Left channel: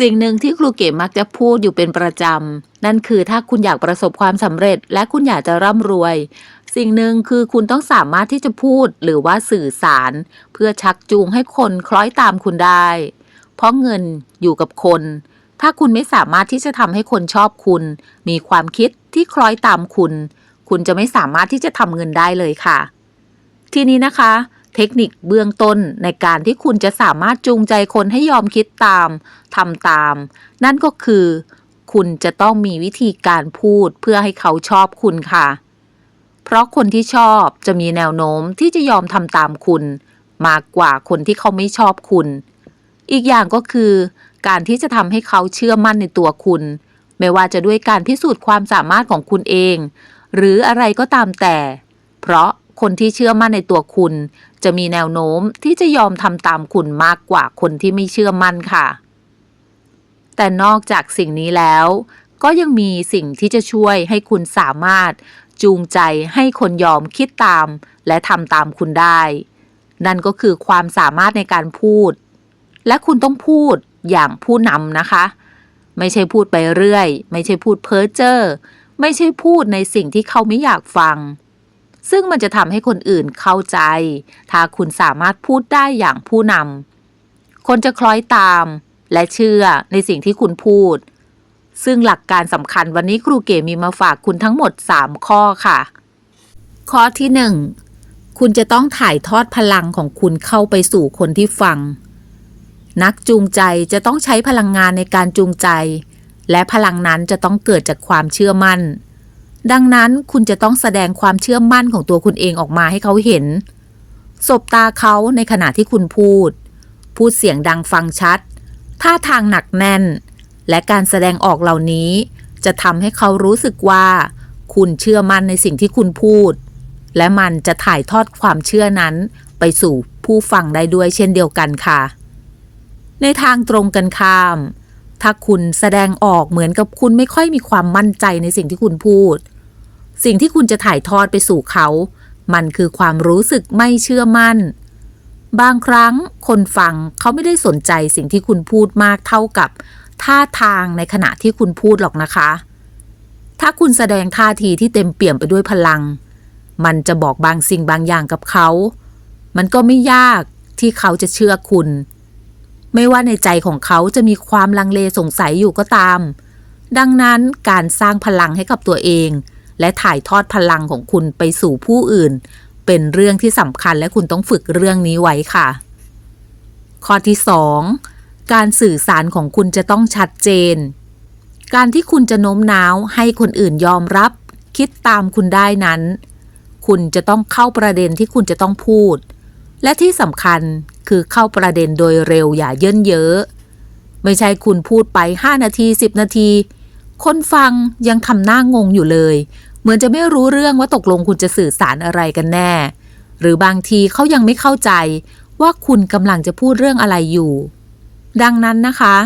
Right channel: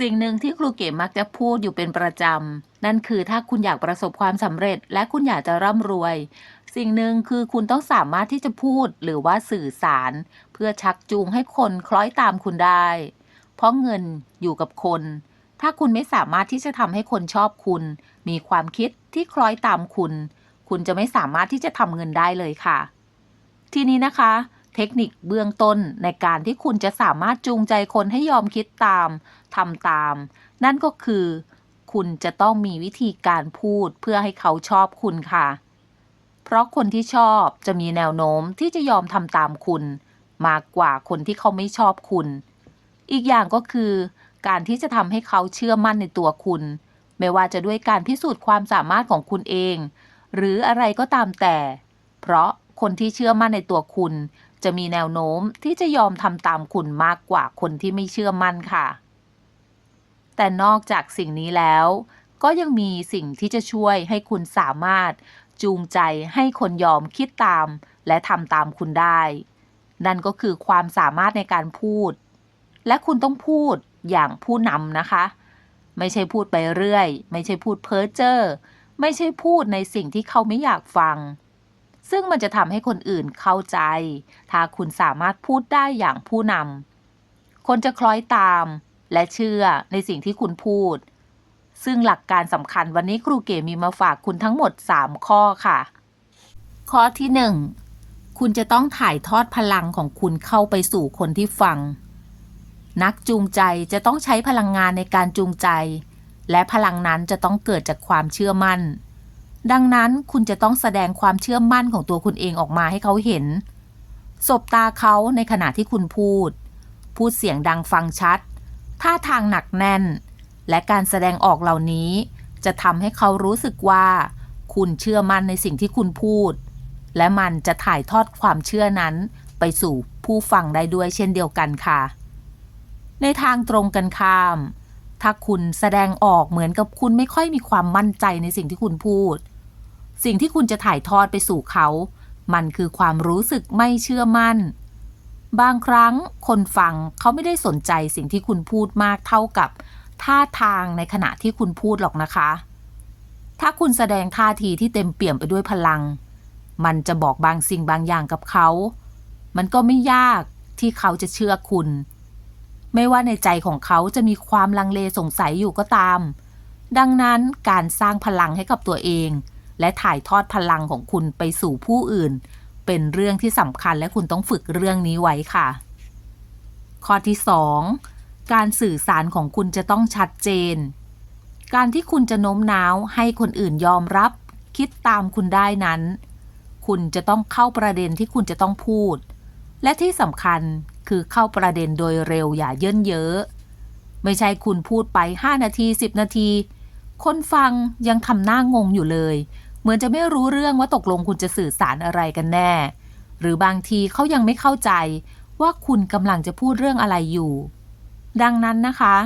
สิ่งหนึ่งที่ครูเก๋มักจะพูดอยู่เป็นประจำ นั่นคือถ้าคุณอยากประสบความสำเร็จ และคุณอยากจะร่ำรวย สิ่งหนึ่งคือคุณต้องสามารถที่จะพูดหรือว่าสื่อสาร เพื่อชักจูงให้คนคล้อยตามคุณได้ เพราะเงินอยู่กับคน ถ้าคุณไม่สามารถที่จะทำให้คนชอบคุณ มีความคิดที่คล้อยตามคุณ คุณจะไม่สามารถที่จะทำเงินได้เลยค่ะ ทีนี้นะคะ เทคนิคเบื้องต้นในการที่คุณจะสามารถจูงใจคนให้ยอมคิดตามทำตาม นั่นก็คือ คุณจะต้องมีวิธีการพูดเพื่อให้เขาชอบคุณค่ะ เพราะคนที่ชอบจะมีแนวโน้มที่จะยอมทำตามคุณ มากกว่าคนที่เขาไม่ชอบคุณ อีกอย่างก็คือ การที่จะทำให้เขาเชื่อมั่นในตัวคุณ ไม่ว่าจะด้วยการพิสูจน์ความสามารถของคุณเอง หรืออะไรก็ตามแต่ เพราะคนที่เชื่อมั่นในตัวคุณ จะมีแนวโน้มที่จะยอมทำตามคุณมากกว่าคนที่ไม่เชื่อมั่นค่ะ แต่นอกจากสิ่งนี้แล้ว ก็ยังมีสิ่งที่จะช่วยให้คุณสามารถจูงใจให้คนยอมคิดตาม และทำตามคุณได้ นั่นก็คือความสามารถในการพูด และคุณต้องพูดอย่างผู้นำนะคะ ไม่ใช่พูดไปเรื่อย ไม่ใช่พูดเพ้อเจ้อไม่ใช่พูดในสิ่งที่เขาไม่อยากฟัง ซึ่งมันจะทำให้คนอื่นเข้าใจ ถ้าคุณสามารถพูดได้อย่างผู้นำ คนจะคล้อยตาม และเชื่อในสิ่งที่คุณพูด ซึ่งหลักการสำคัญวันนี้ครูเก๋มีมาฝากคุณทั้งหมด 3 ข้อค่ะ ข้อที่ 1 คุณจะต้องถ่ายทอดพลังของคุณเข้าไปสู่คนที่ฟัง นักจูงใจจะต้องใช้พลังงานในการจูงใจ และพลังนั้นจะต้องเกิดจากความเชื่อมั่น ดังนั้นคุณจะต้องแสดงความเชื่อมั่นของตัวคุณเองออกมาให้เขาเห็น สบตาเขาในขณะที่คุณพูด พูดเสียงดังฟังชัด ท่าทางหนักแน่น และการแสดงออกเหล่านี้ จะทำให้เขารู้สึกว่า คุณเชื่อมั่นในสิ่งที่คุณพูด และมันจะถ่ายทอดความเชื่อนั้น ไปสู่ผู้ฟังได้ด้วยเช่นเดียวกันค่ะ ในทางตรงกันข้าม ถ้าคุณแสดงออกเหมือนกับคุณไม่ค่อยมีความมั่นใจในสิ่งที่คุณพูด สิ่งที่คุณจะถ่ายทอดไปสู่เขา มันคือความรู้สึกไม่เชื่อมั่น บางครั้งคนฟังเขาไม่ได้สนใจสิ่งที่คุณพูดมากเท่ากับ ท่าทางในขณะที่คุณพูดหรอกนะคะ ถ้าคุณแสดงท่าทีที่เต็มเปี่ยมไปด้วยพลัง มันจะบอกบางสิ่งบางอย่างกับเขา มันก็ไม่ยากที่เขาจะเชื่อคุณ ไม่ว่าในใจของเขาจะมีความลังเลสงสัยอยู่ก็ตาม ดังนั้นการสร้างพลังให้กับตัวเอง และถ่ายทอดพลังของคุณไปสู่ผู้อื่น เป็นเรื่องที่สำคัญและคุณต้องฝึกเรื่องนี้ไว้ค่ะ ข้อที่ 2 การสื่อสารของคุณจะต้องชัดเจน การที่คุณจะโน้มน้าวให้คนอื่นยอมรับ คิดตามคุณได้นั้น คุณจะต้องเข้าประเด็นที่คุณจะต้องพูด และที่สำคัญคือเข้าประเด็นโดยเร็วอย่าเยินเยอะ ไม่ใช่คุณพูดไป 5 นาที 10 นาที คนฟังยังทำหน้างงอยู่เลย เหมือนจะไม่รู้เรื่องว่าตกลงคุณจะสื่อสารอะไรกันแน่ หรือบางทีเขายังไม่เข้าใจว่าคุณกำลังจะพูดเรื่องอะไรอยู่ ดังนั้นนะคะ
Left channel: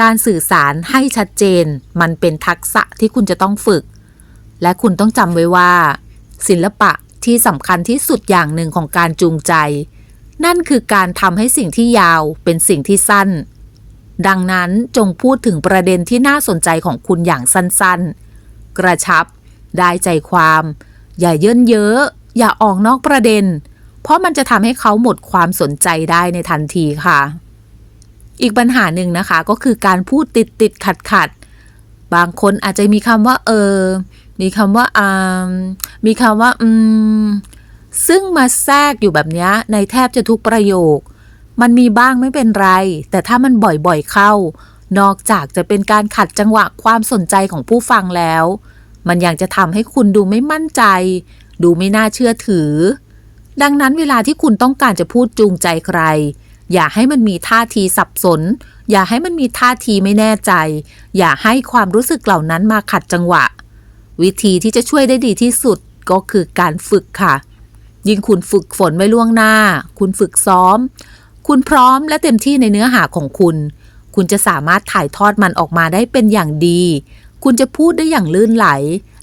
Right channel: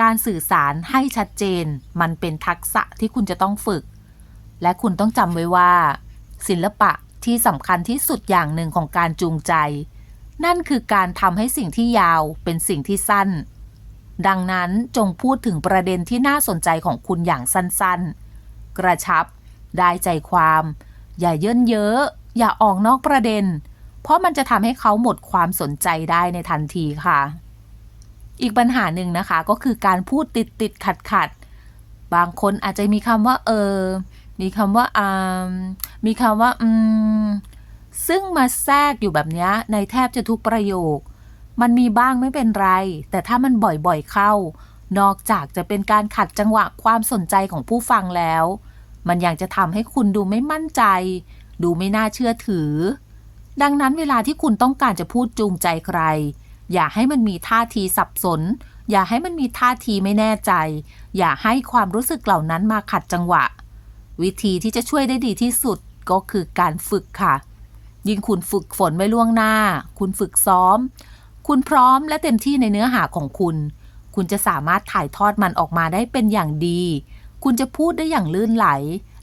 การสื่อสารให้ชัดเจน มันเป็นทักษะที่คุณจะต้องฝึก และคุณต้องจำไว้ว่า ศิลปะที่สำคัญที่สุดอย่างหนึ่งของการจูงใจ นั่นคือการทำให้สิ่งที่ยาวเป็นสิ่งที่สั้น ดังนั้นจงพูดถึงประเด็นที่น่าสนใจของคุณอย่างสั้นๆ กระชับ ได้ใจความ อย่าเยินเยอะอย่าออกนอกประเด็น เพราะมันจะทำให้เขาหมดความสนใจได้ในทันทีค่ะ อีกปัญหาหนึ่งนะคะก็คือการพูดติดติดขัดขัดๆบางคนอาจจะมีคำว่า เออ มีคำว่าอ่ามีคำว่า อืม ซึ่งมาแทรกอยู่แบบนี้ในแทบจะทุกประโยค มันมีบ้างไม่เป็นไร แต่ถ้ามันบ่อยๆเข้า นอกจากจะเป็นการขัดจังหวะความสนใจของผู้ฟังแล้ว มันยังจะทำให้คุณดูไม่มั่นใจ ดูไม่น่าเชื่อถือ ดังนั้นเวลาที่คุณต้องการจะพูดจูงใจใคร อย่าให้มันมีท่าทีสับสน อย่าให้มันมีท่าทีไม่แน่ใจ อย่าให้ความรู้สึกเหล่านั้นมาขัดจังหวะ วิธีที่จะช่วยได้ดีที่สุดก็คือการฝึกค่ะ ยิ่งคุณฝึกฝนไว้ล่วงหน้า คุณฝึกซ้อม คุณพร้อมและเต็มที่ในเนื้อหาของคุณ คุณจะสามารถถ่ายทอดมันออกมาได้เป็นอย่างดี คุณจะพูดได้อย่างลื่นไหล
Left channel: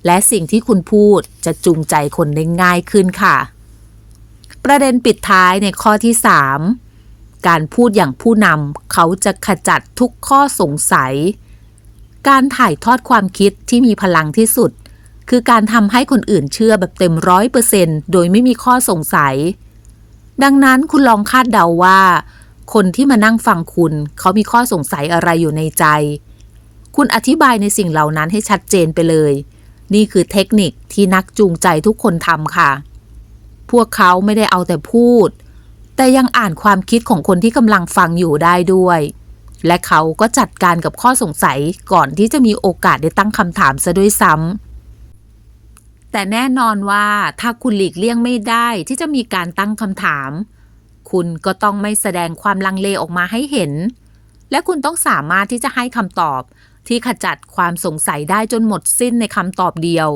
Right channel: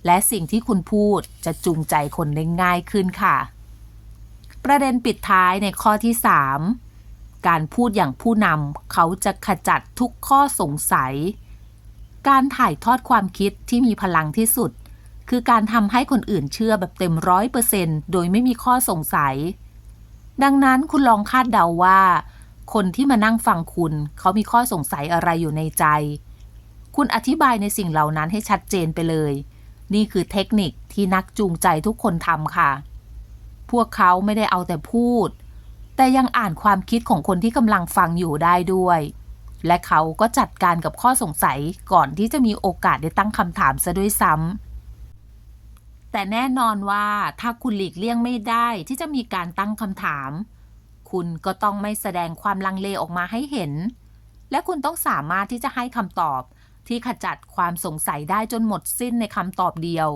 และสิ่งที่คุณพูดจะจูงใจคนได้ง่ายขึ้นค่ะ ประเด็นปิดท้ายในข้อที่ 3 การพูดอย่างผู้นำเขาจะขจัดทุกข้อสงสัย การถ่ายทอดความคิดที่มีพลังที่สุด คือการทำให้คนอื่นเชื่อแบบเต็มร้อยเปอร์เซนโดยไม่มีข้อสงสัย ดังนั้นคุณลองคาดเดาว่า คนที่มานั่งฟังคุณ เขามีข้อสงสัยอะไรอยู่ในใจ คุณอธิบายในสิ่งเหล่านั้นให้ชัดเจนไปเลย นี่คือเทคนิคที่นักจูงใจทุกคนทำค่ะ พวกเขาไม่ได้เอาแต่พูด แต่ยังอ่านความคิดของคนที่กำลังฟังอยู่ได้ด้วย และเขาก็จัดการกับข้อสงสัยก่อนที่จะมีโอกาสได้ตั้งคำถามซะด้วยซ้ำ แต่แน่นอนว่าถ้าคุณหลีกเลี่ยงไม่ได้ที่จะมีการตั้งคำถาม คุณก็ต้องไม่แสดงความลังเลออกมาให้เห็น และคุณต้องสามารถที่จะให้คำตอบ ที่ขจัดความสงสัยได้จนหมดสิ้นในคำตอบเดียว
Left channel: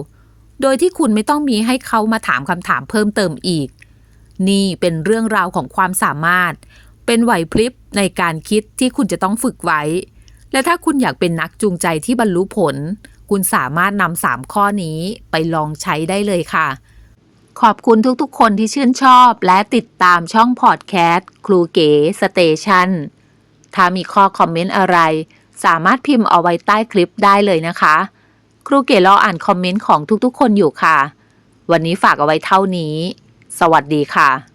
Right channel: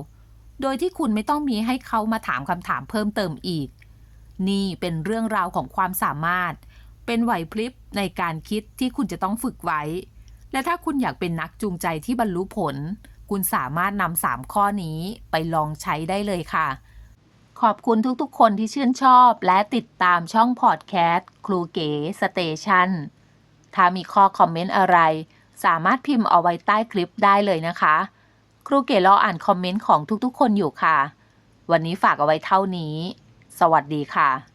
โดยที่คุณไม่ต้องมีให้เขามาถามคำถามเพิ่มเติมอีก นี่เป็นเรื่องราวของความสามารถ เป็นไหวพริบในการคิดที่คุณจะต้องฝึกไว้ และถ้าคุณอยากเป็นนักจูงใจที่บรรลุผล คุณสามารถนำสามข้อนี้ไปลองใช้ได้เลยค่ะ ขอบคุณทุกๆ คนที่ชื่นชอบและติดตามช่องพอดแคสต์ครูเก๋สเตชันถ้ามีข้อคอมเมนต์อะไร สามารถพิมพ์เอาไว้ใต้คลิปได้เลยนะคะ ครูเก๋รออ่านคอมเมนต์ของทุกๆ คนอยู่ค่ะ วันนี้ฝากเอาไว้เท่านี้ สวัสดีค่ะ